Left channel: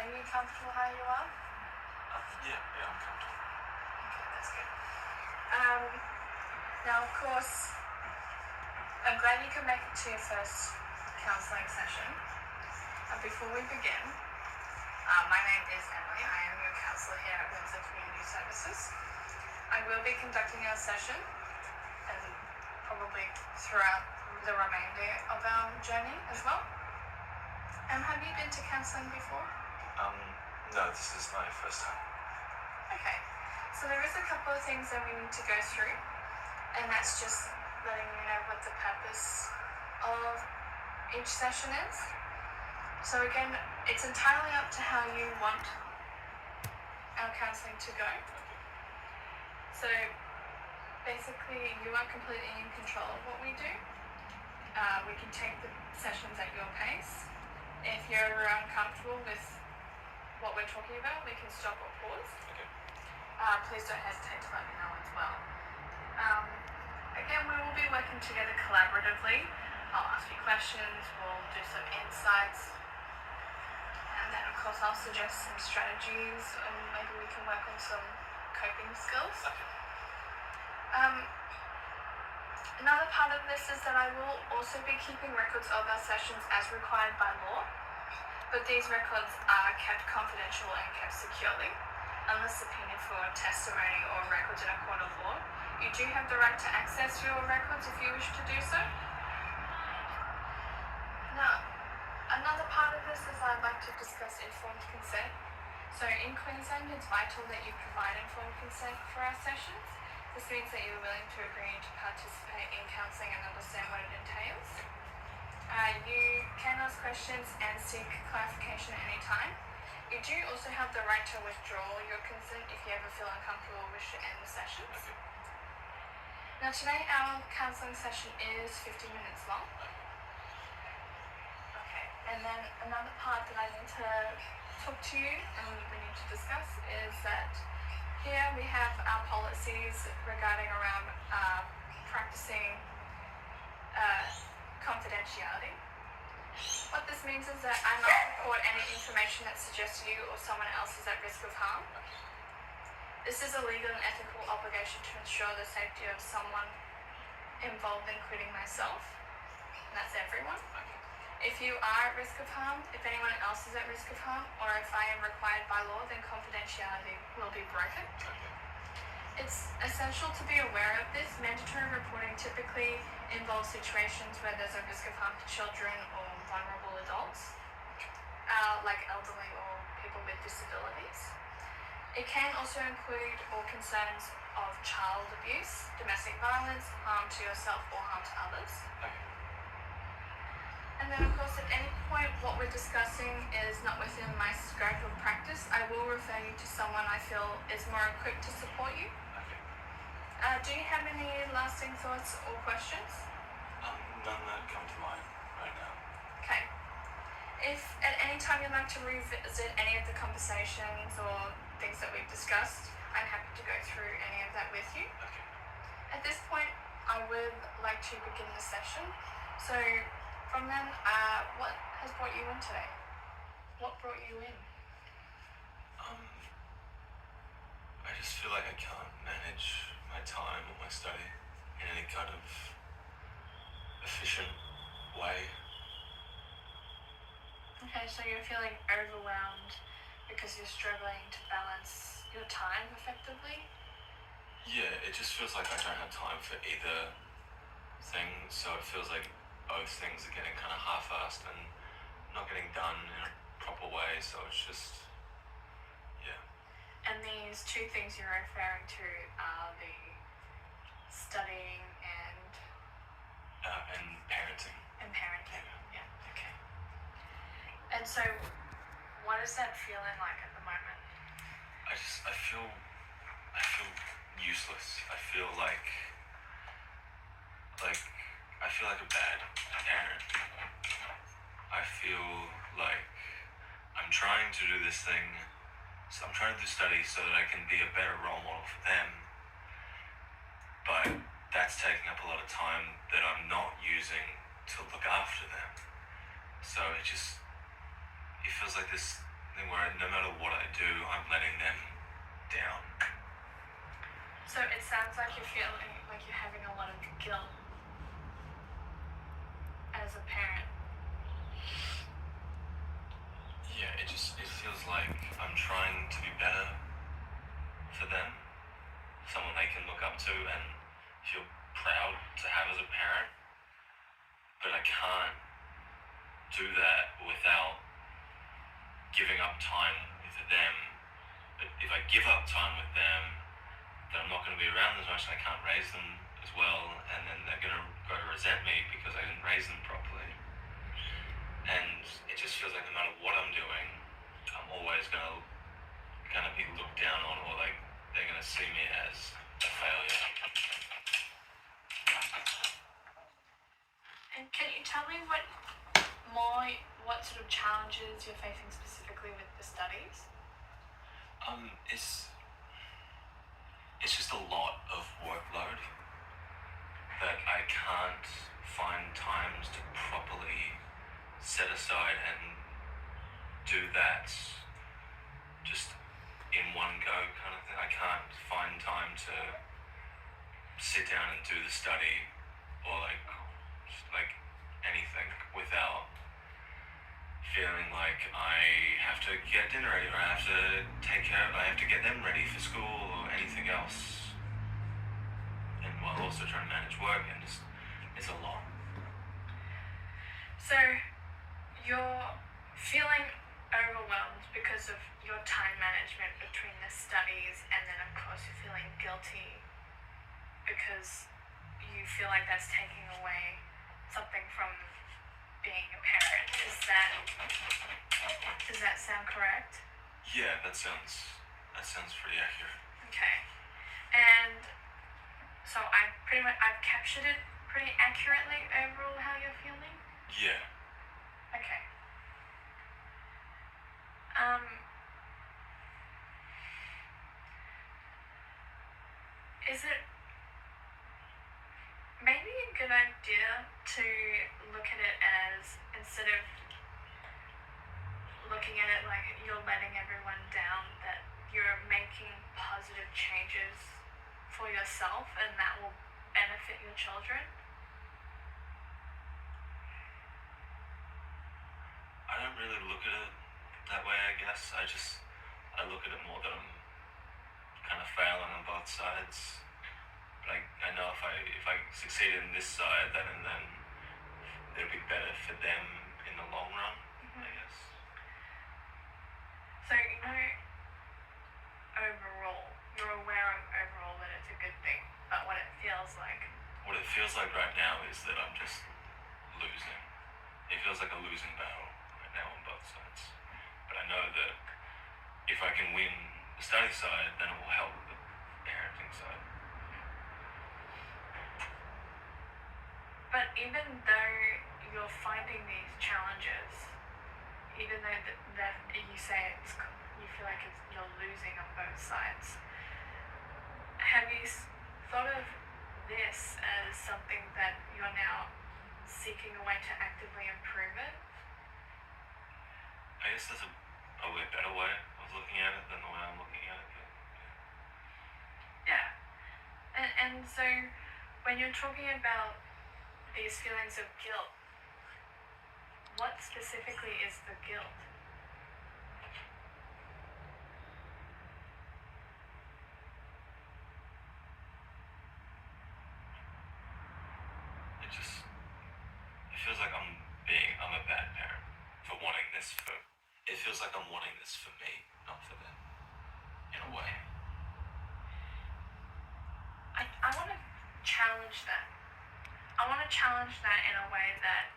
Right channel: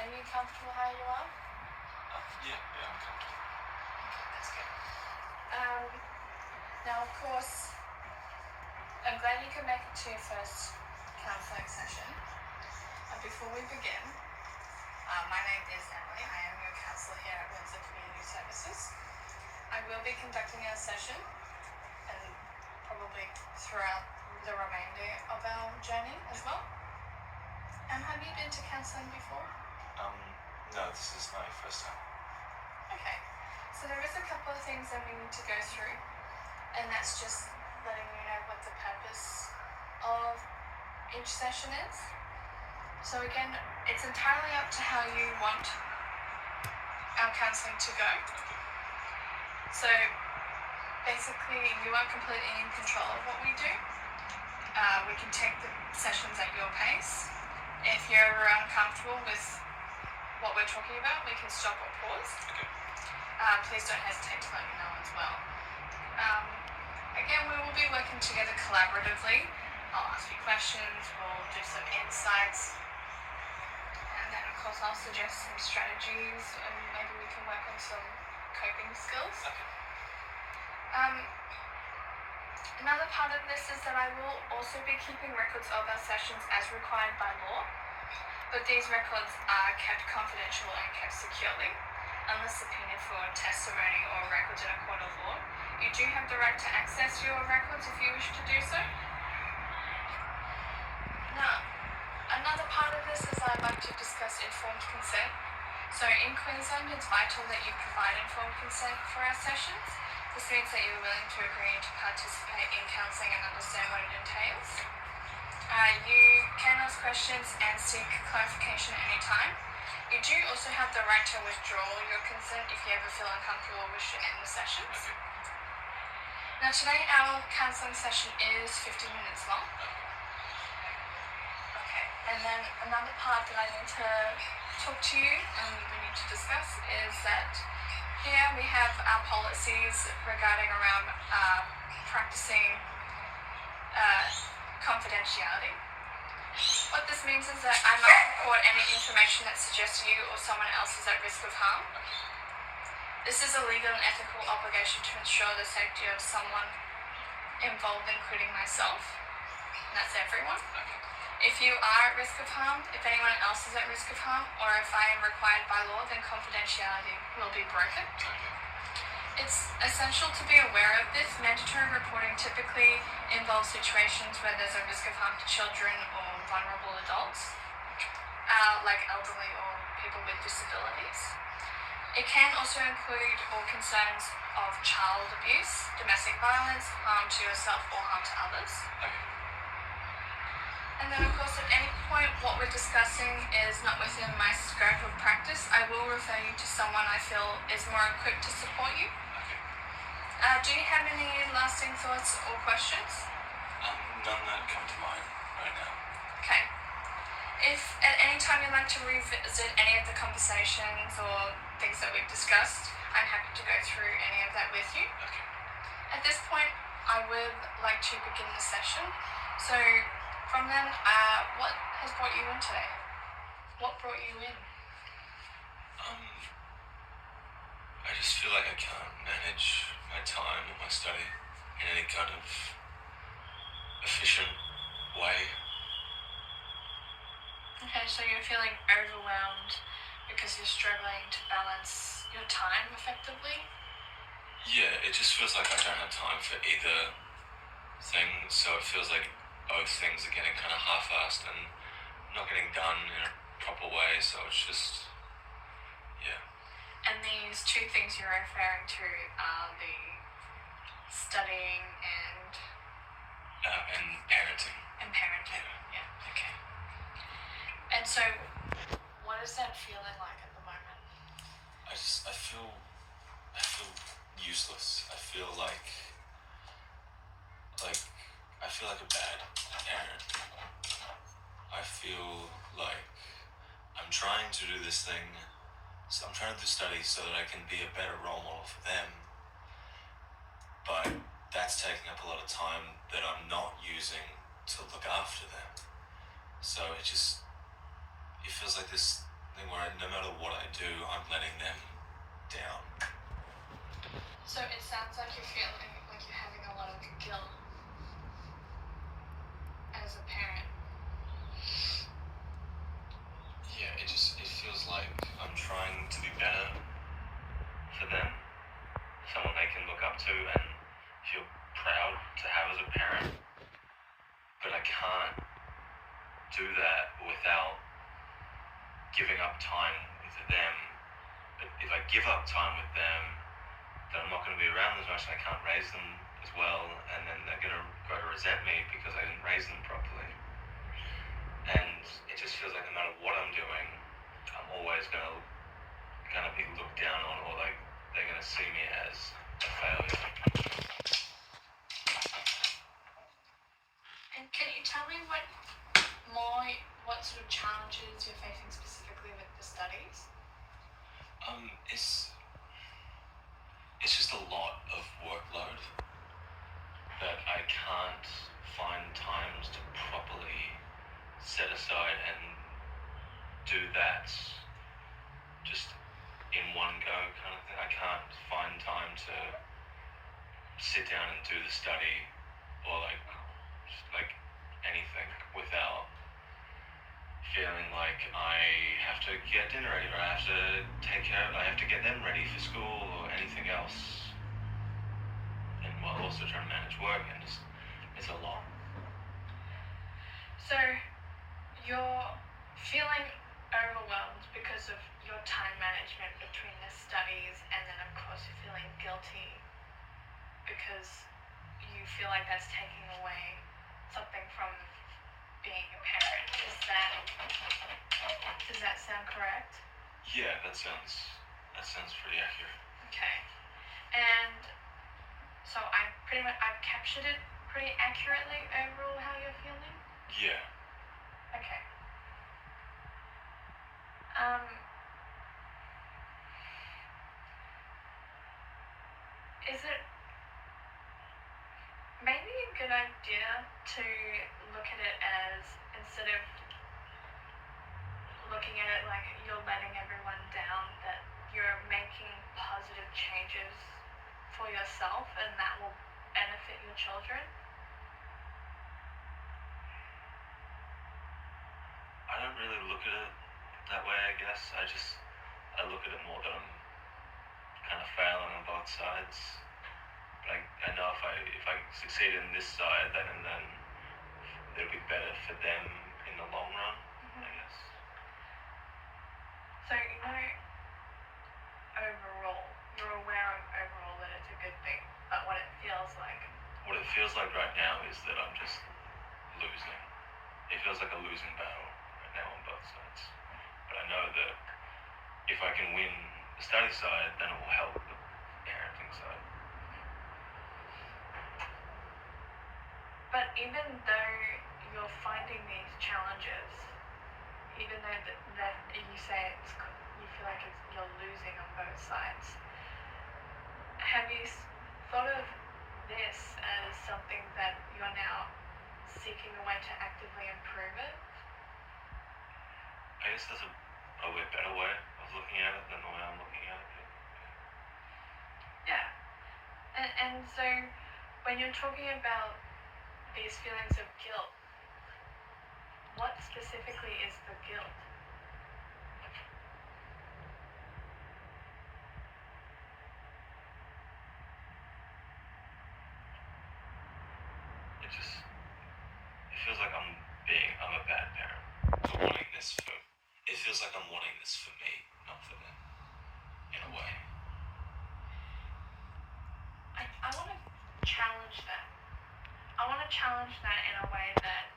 Are you comfortable how you are? Yeah, I'm comfortable. Okay, that's good. Now, of course, I'm glad you could make it to your first counselling session. Before we begin, my name is Emily. I am your counsellor here at Windsor Community Services. I will be conducting our session and probably throughout the remainder of our journey as well. Have you been to counselling before? No, this is my first time. Okay, so there is a couple of things that we need to go through, and that's just letting you know what the purpose of each session is. So again, it's entirely up to how you want our counselling to go. So basically, you are completely in control of what we do. We can take the sessions at your pace. If you're ever uncomfortable with what we're talking about, we can stop or pause. Okay. Please don't hesitate to let me know as well. Again, we will be working together collaboratively. I'll ask you questions, we'll do some insights, and then of course I'll suggest some strategies, and maybe we can work on some coping skills. Okay. Another part of this is that I will also be keeping records of our sessions as required by law, but these records are kept confidential and kept securely, unless subpoenaed for testimony or records in a court of law. You do have the right to access your records if you wish to do so. Now, another part of this is I'd like to discuss informed consent. So in Queensland, it's vital that you provide informed consent for our sessions. This means that you're willing to agree to participate in counselling and understand what it entails. You can ask questions and seek clarification at any time. You do also have the right to withdraw your consent if you ever feel uncomfortable or wish to end the sessions. Okay. Now today our counselling session is 50 minutes long. Okay, and then another part that I need to talk to you and we need to discuss is that here we have our policies regarding around practicing confidentiality. What this means is that I must report any information that suggests you or someone else is at risk of harm. This is a legal and ethical obligation to ensure the safety of someone involved, including myself, and that's everyone. Okay. If you are at risk of harm, if anyone else is at risk of harm, or if I am required by law, then confidentiality will be broken. Okay. It's essential to be aware of this. Mandatory reporting typically involves situations where there's a risk of harm to children or vulnerable adults, like elderly or people with disabilities. It can also include all concerns of child abuse, domestic violence, harm to yourself or harm to others. Okay. And then of course at any point what we're discussing is not within my scope of practice, I will refer you to someone I feel is more equipped to support you. Okay. Do you have any lasting thoughts or questions? None that come to mind right now. Okay. If at any time you'd like to revisit any of the conversations or things that we've discussed, I'm happy to go through any of that with you. Okay. At this point, I would like to begin the session. So from then, what has brought you in today? What brought you in? I just feel like I can't manage my time or my study in any kind of efficient way. Okay, so you're feeling overwhelmed because you're struggling to balance your time effectively? Yeah, it just feels like I don't have time for either thing, so it feels like both things are getting kind of half-assed and not getting done in a proper way, so it's just, yeah. And these two things you're referring to are the studying and parenting. parenting. Yeah, okay. And so, what is that feeling like at the moment? I feel useless. I feel like a bad parent. I feel like I'm trying to do this thing, so I'm trying to study so that I can be a better role model for them, but that's taking up a lot of time that I'm not using to look after them. So it feels like this something where no matter what I do, I'm letting them down. So it sounds like you're feeling like you're having a lot of guilt as a parent. Yeah, it feels like I'm trying to be better for them, someone they can look up to and feel proud to have as a parent. But I can't do that without giving up time with them. But if I give up time with them, then I'm not going to be around as much and I can't raise them as well, and then they're going to go to resent me because I didn't raise them properly. And it just feels like no matter what I'm doing, I'm always going to be looked down on, or like they're going to see me as a failure. And can you tell me what sort of challenges you're facing specifically with the studies? It's just a lot of workload that I can't find times to properly set aside and do that just in one go kind of thing. I can't find time to sit down and do the study or like anything without feeling like I have to get dinner ready, or I have to get them ready for school or anything else. And while also trying to manage work, and it's a lot. So you're feeling overwhelmed because of your time management between the studies, and then of course you're feeling guilty because you feel like that's taking away something from being a parent. Does that sound correct? Yeah, that sounds pretty accurate. Okay. And so I've captured it pretty accurately overall how you're feeling? Yeah. Okay. Is it maybe a good idea to look at it as, instead of looking at it like you're letting everyone down, that you're making positive changes for yourself and that will benefit your children? I don't really look at it that way, I guess. I look at it more that I'm kind of failing on both sides. But I know if I succeed in this side, then it'll be better for them in the long run, I guess. So overall, you're aware of overall that it's a good thing, but what it feels like right now is that I'm just losing. It feels like a losing battle right now on both sides. But I know that if I can win the study side, then it will help the parenting side. But even though you're finding these challenges, even though that you say you feel like you're losing on both sides, have you thought of this as something that you're now seeking a way to actively improve it? I guess there's probably a better way of looking at it than the way I'm looking at it. Yeah. And so when you're talking about these feelings of guilt, what specifically is the guilt? It feels like I'm a bad parent for wanting this for. It feels like I'm wanting this for me, not for them, in a way. I want to challenge that. I want to challenge that in a way that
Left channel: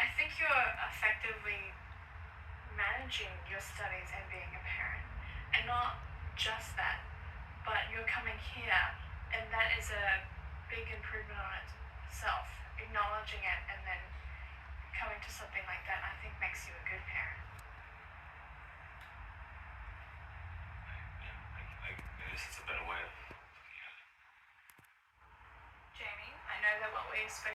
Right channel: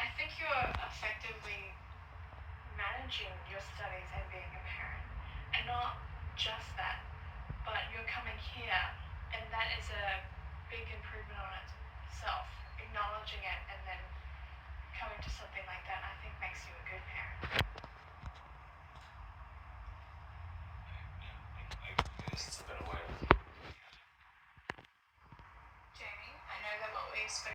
I think you're effectively managing your studies and being a parent. And not just that, but you're coming here, and that is a big improvement on itself. Acknowledging it and then coming to something like that, I think, makes you a good parent. I guess it's a better way of. Jamie, I know that what we spoke